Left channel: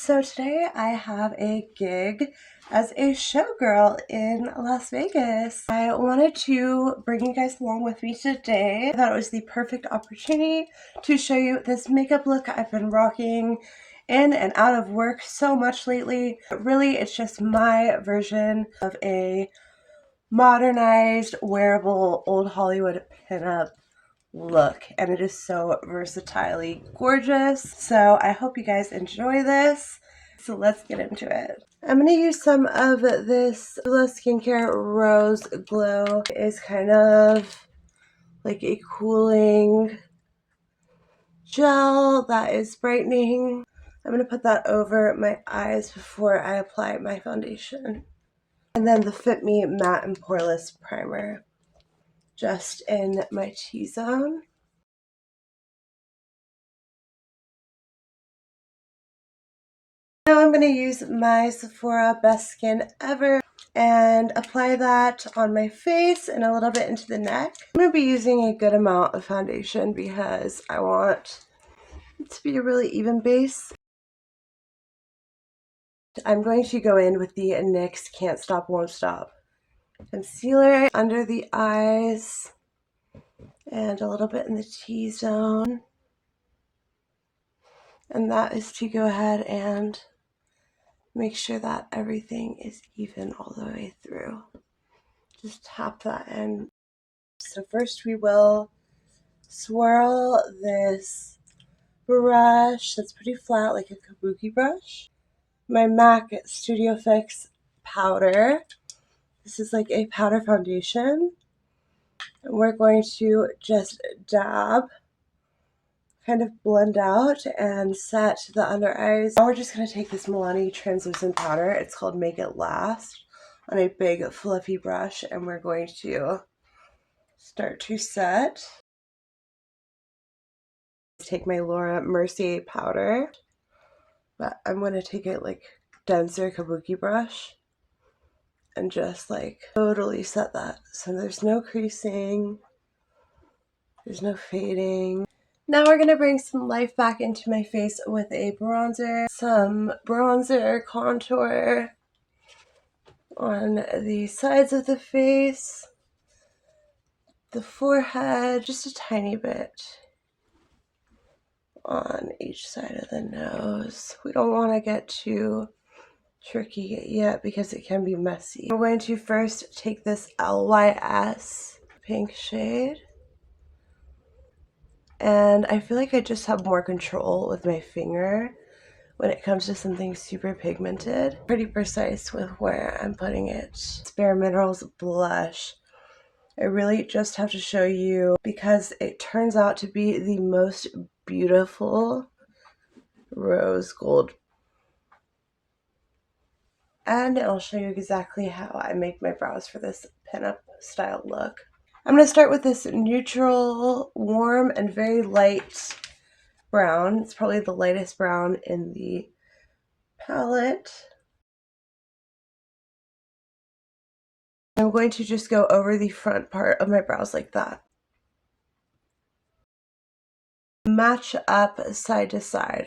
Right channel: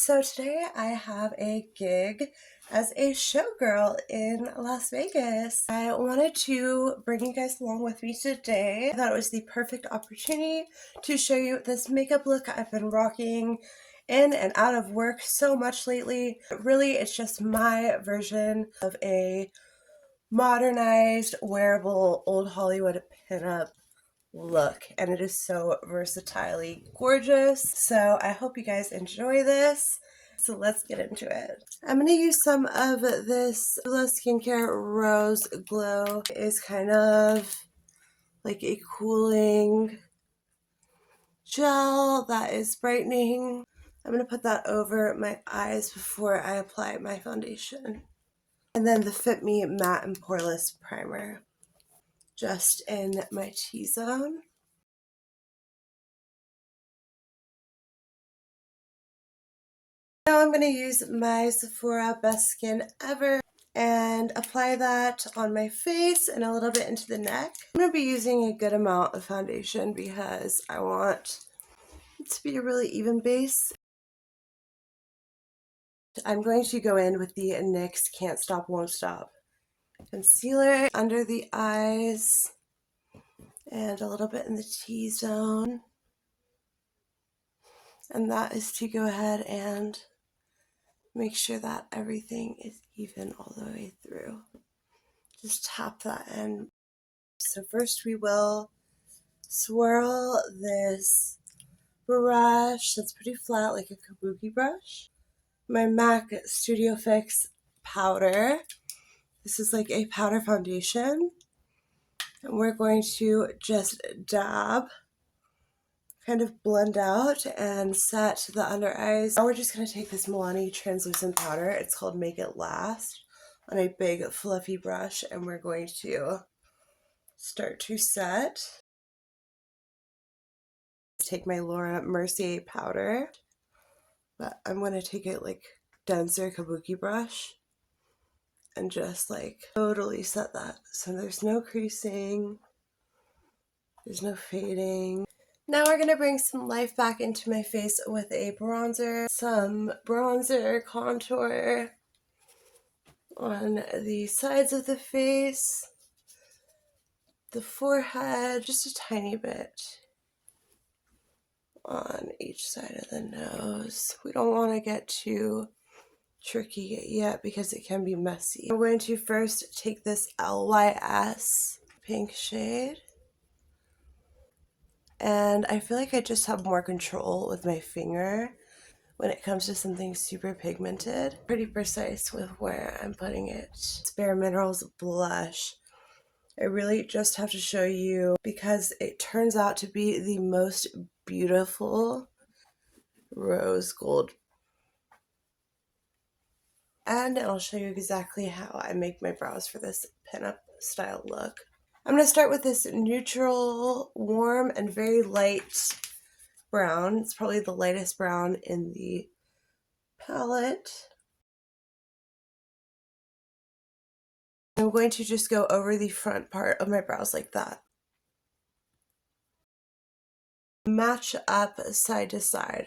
So today I have a gig as a showgirl in Las Vegas. I wanted to bring you guys along with me today. I thought it was the perfect opportunity to show you this makeup look I've been rocking in and out of work so much lately. Really, it's just my version of a modernized, wearable, old Hollywood pinup look, and it is so versatilely gorgeous. So I hope you guys enjoy this. So let's get into it. I'm going to use some of this Glow Skincare Rose Glow. It's kind of like a cooling gel that is brightening. I'm going to put that over my eyes before I apply my foundation. And then the Fit Me Matte and Poreless Primer just in my T-zone. Now I'm going to use my Sephora Best Skin Ever and apply that on my face and a little bit into the neck. I'm going to be using a good amount of foundation because I want it to be a really even base. I'm going to go in with the NYX Can't Stop Won't Stop concealer under the eyes and a little bit in the T-zone. And that is to go ahead and make sure that everything is even all the way through. Just tap that in. So first we will swirl this brush that's pretty flat, like a kabuki brush. My MAC Studio Fix powder. This is like a powder foundation. And we're going to just dab, kind of blend out and set the under eyes. Now we're just going to take this Milani translucent powder. It's called Make It Last, on a big fluffy brush, and we're going to start to set. Take my Laura Mercier powder, but I'm going to take it like denser kabuki brush and just like totally set that. So there's no creasing, there's no fading. Now we're going to bring some life back into my face with a bronzer, some bronzer contour on the sides of the face, the forehead, just a tiny bit on each side of the nose. We don't want to get too tricky yet because it can be messy. I'm going to first take this LYS pink shade, and I feel like I just have more control with my finger when it comes to something super pigmented. Pretty precise with where I'm putting it. It's Bare Minerals blush. I really just have to show you because it turns out to be the most beautiful rose gold. And I'll show you exactly how I make my brows for this pinup style look. I'm going to start with this neutral, warm, and very light brown. It's probably the lightest brown in the palette. I'm going to just go over the front part of my brows like that. Match up side to side.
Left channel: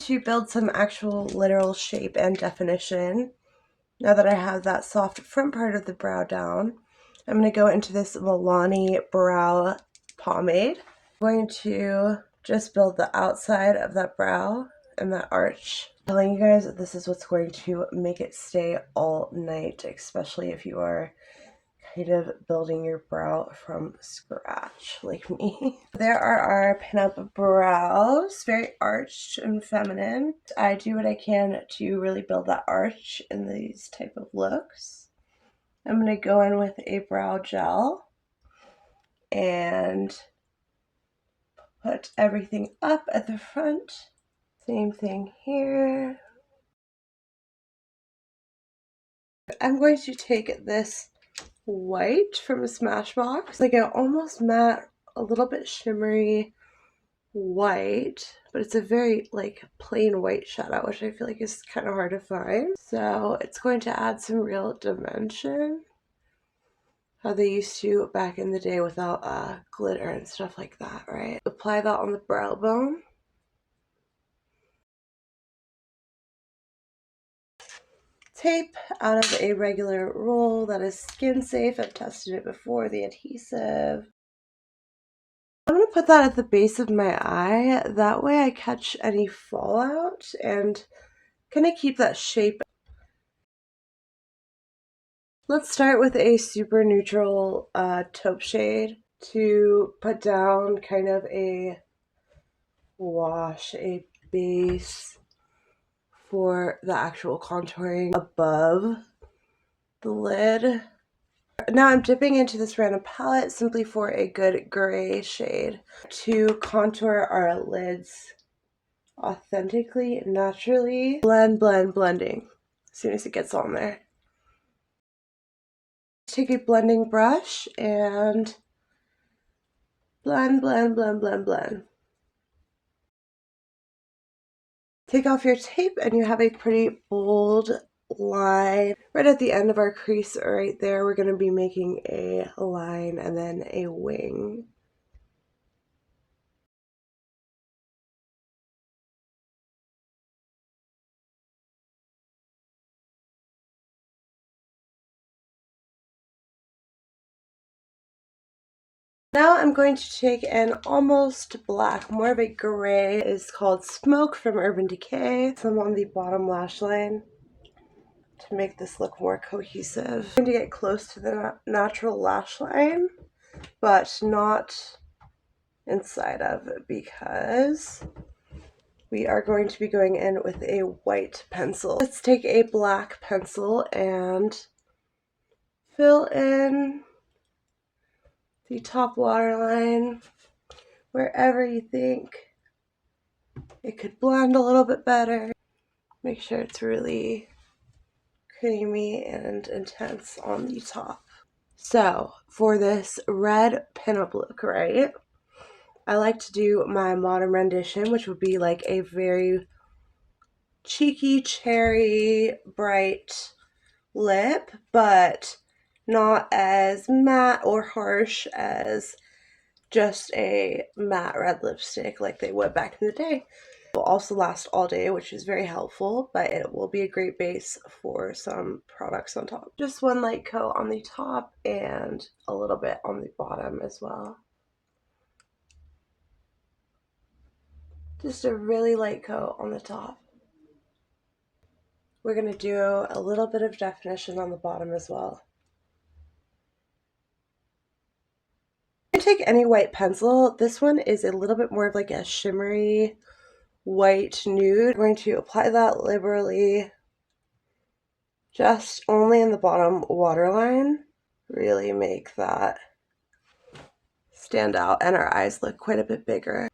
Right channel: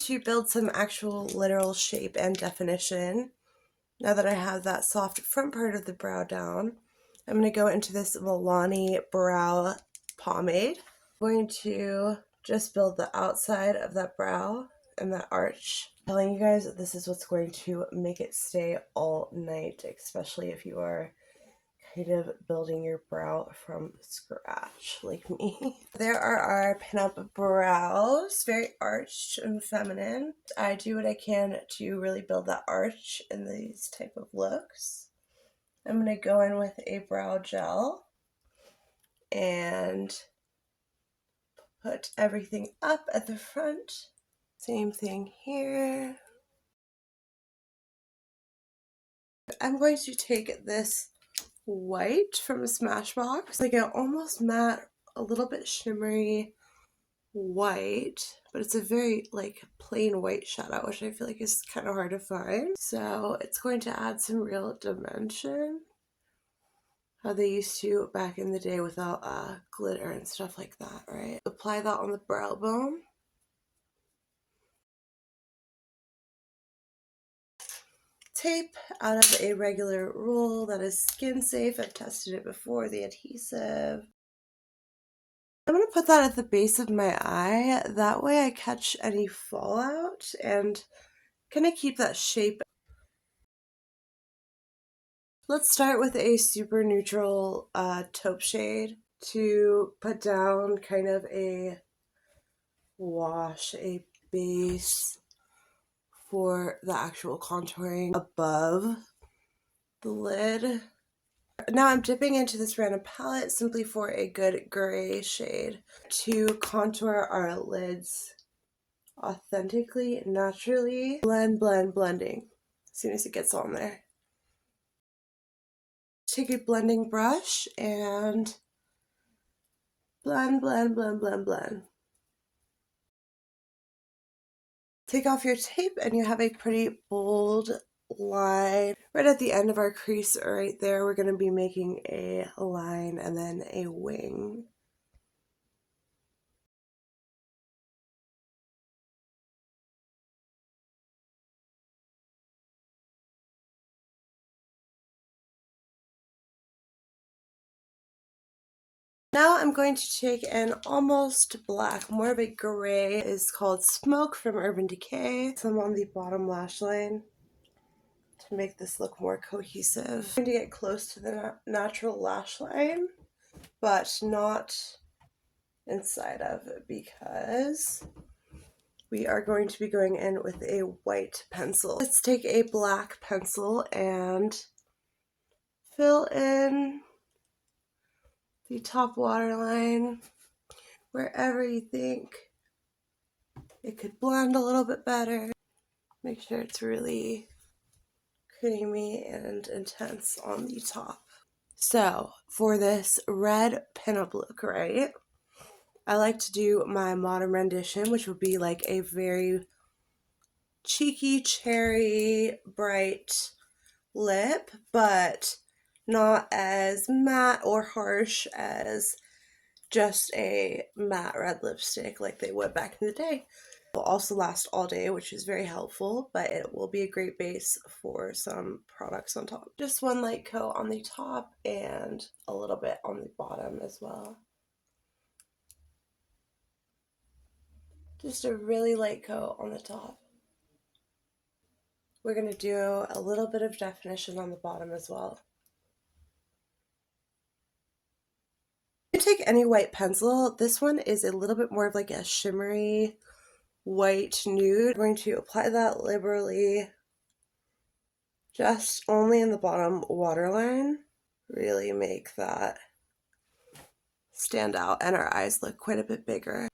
To build some actual literal shape and definition, now that I have that soft front part of the brow down, I'm going to go into this Milani brow pomade. I'm going to just build the outside of that brow and that arch. I'm telling you guys that this is what's going to make it stay all night, especially if you are kind of building your brow from scratch like me. There are our pinup brows, very arched and feminine. I do what I can to really build that arch in these type of looks. I'm going to go in with a brow gel and put everything up at the front. Same thing here. I'm going to take this white from Smashbox, like an almost matte, a little bit shimmery white, but it's a very like plain white shadow, which I feel like is kind of hard to find. So it's going to add some real dimension. how they used to back in the day without glitter and stuff like that, right? Apply that on the brow bone. Tape out of a regular roll that is skin safe. I've tested it before, the adhesive. I'm going to put that at the base of my eye. That way I catch any fallout and kind of keep that shape. Let's start with a super neutral taupe shade to put down kind of a wash, a base for the actual contouring above the lid. Now I'm dipping into this random palette simply for a good gray shade to contour our lids authentically, naturally. Blending as soon as it gets on there. Take a blending brush and blend. Take off your tape and you have a pretty bold line. Right at the end of our crease right there, we're going to be making a line and then a wing. Now I'm going to take an almost black, more of a gray, is called Smoke from Urban Decay. Some on the bottom lash line to make this look more cohesive. I'm going to get close to the natural lash line, but not inside of it because we are going to be going in with a white pencil. Let's take a black pencil and fill in the top waterline wherever you think it could blend a little bit better. Make sure it's really creamy and intense on the top. So for this red pinup look, right, I like to do my modern rendition, which would be like a very cheeky, cherry, bright lip, but not as matte or harsh as just a matte red lipstick like they would back in the day. It will also last all day, which is very helpful, but it will be a great base for some products on top. Just one light coat on the top and a little bit on the bottom as well. Just a really light coat on the top. We're going to do a little bit of definition on the bottom as well. Take any white pencil. This one is a little bit more of like a shimmery white nude. I'm going to apply that liberally, just only in the bottom waterline. Really make that stand out and our eyes look quite a bit bigger.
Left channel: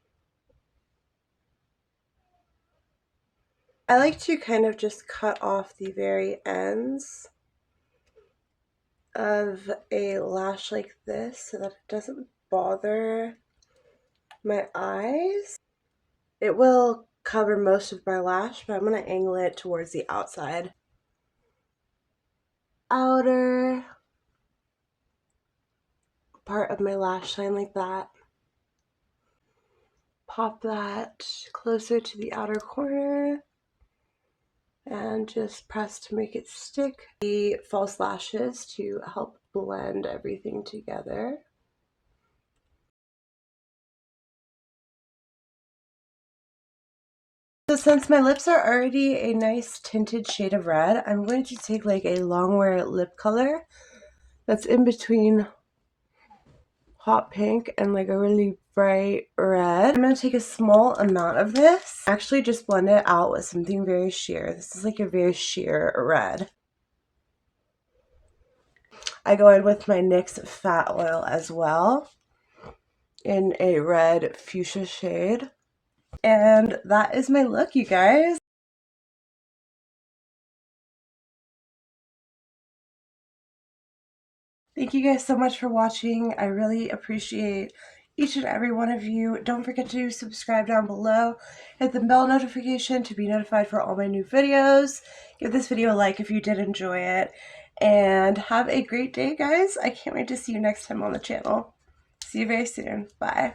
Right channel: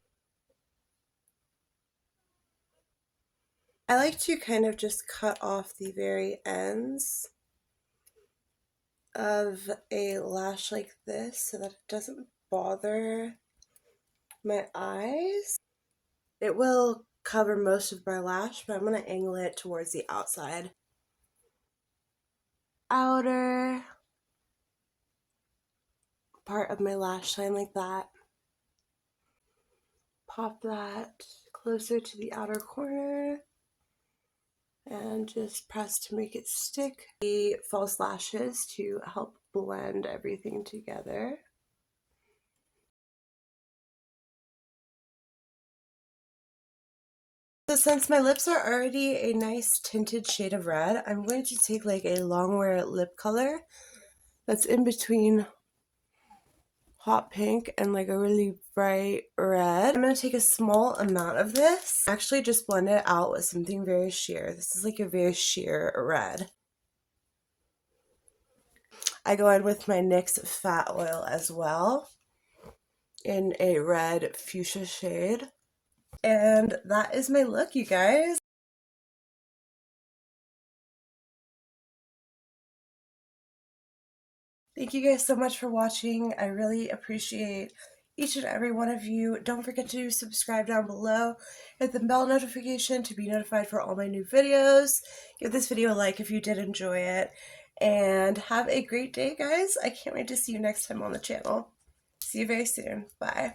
I like to kind of just cut off the very ends of a lash like this so that it doesn't bother my eyes. It will cover most of my lash, but I'm going to angle it towards the outside. Outer part of my lash line like that. Pop that closer to the outer corner and just press to make it stick. The false lashes to help blend everything together. So since my lips are already a nice tinted shade of red, I'm going to take like a longwear lip color that's in between hot pink and like a really bright red. I'm going to take a small amount of this, actually just blend it out with something very sheer. This is like a very sheer red. I go in with my NYX Fat Oil as well in a red fuchsia shade. And that is my look, you guys. Thank you guys so much for watching. I really appreciate each and every one of you. Don't forget to subscribe down below. Hit the bell notification to be notified for all my new videos. Give this video a like if you did enjoy it. And have a great day, guys. I can't wait to see you next time on the channel. See you very soon. Bye.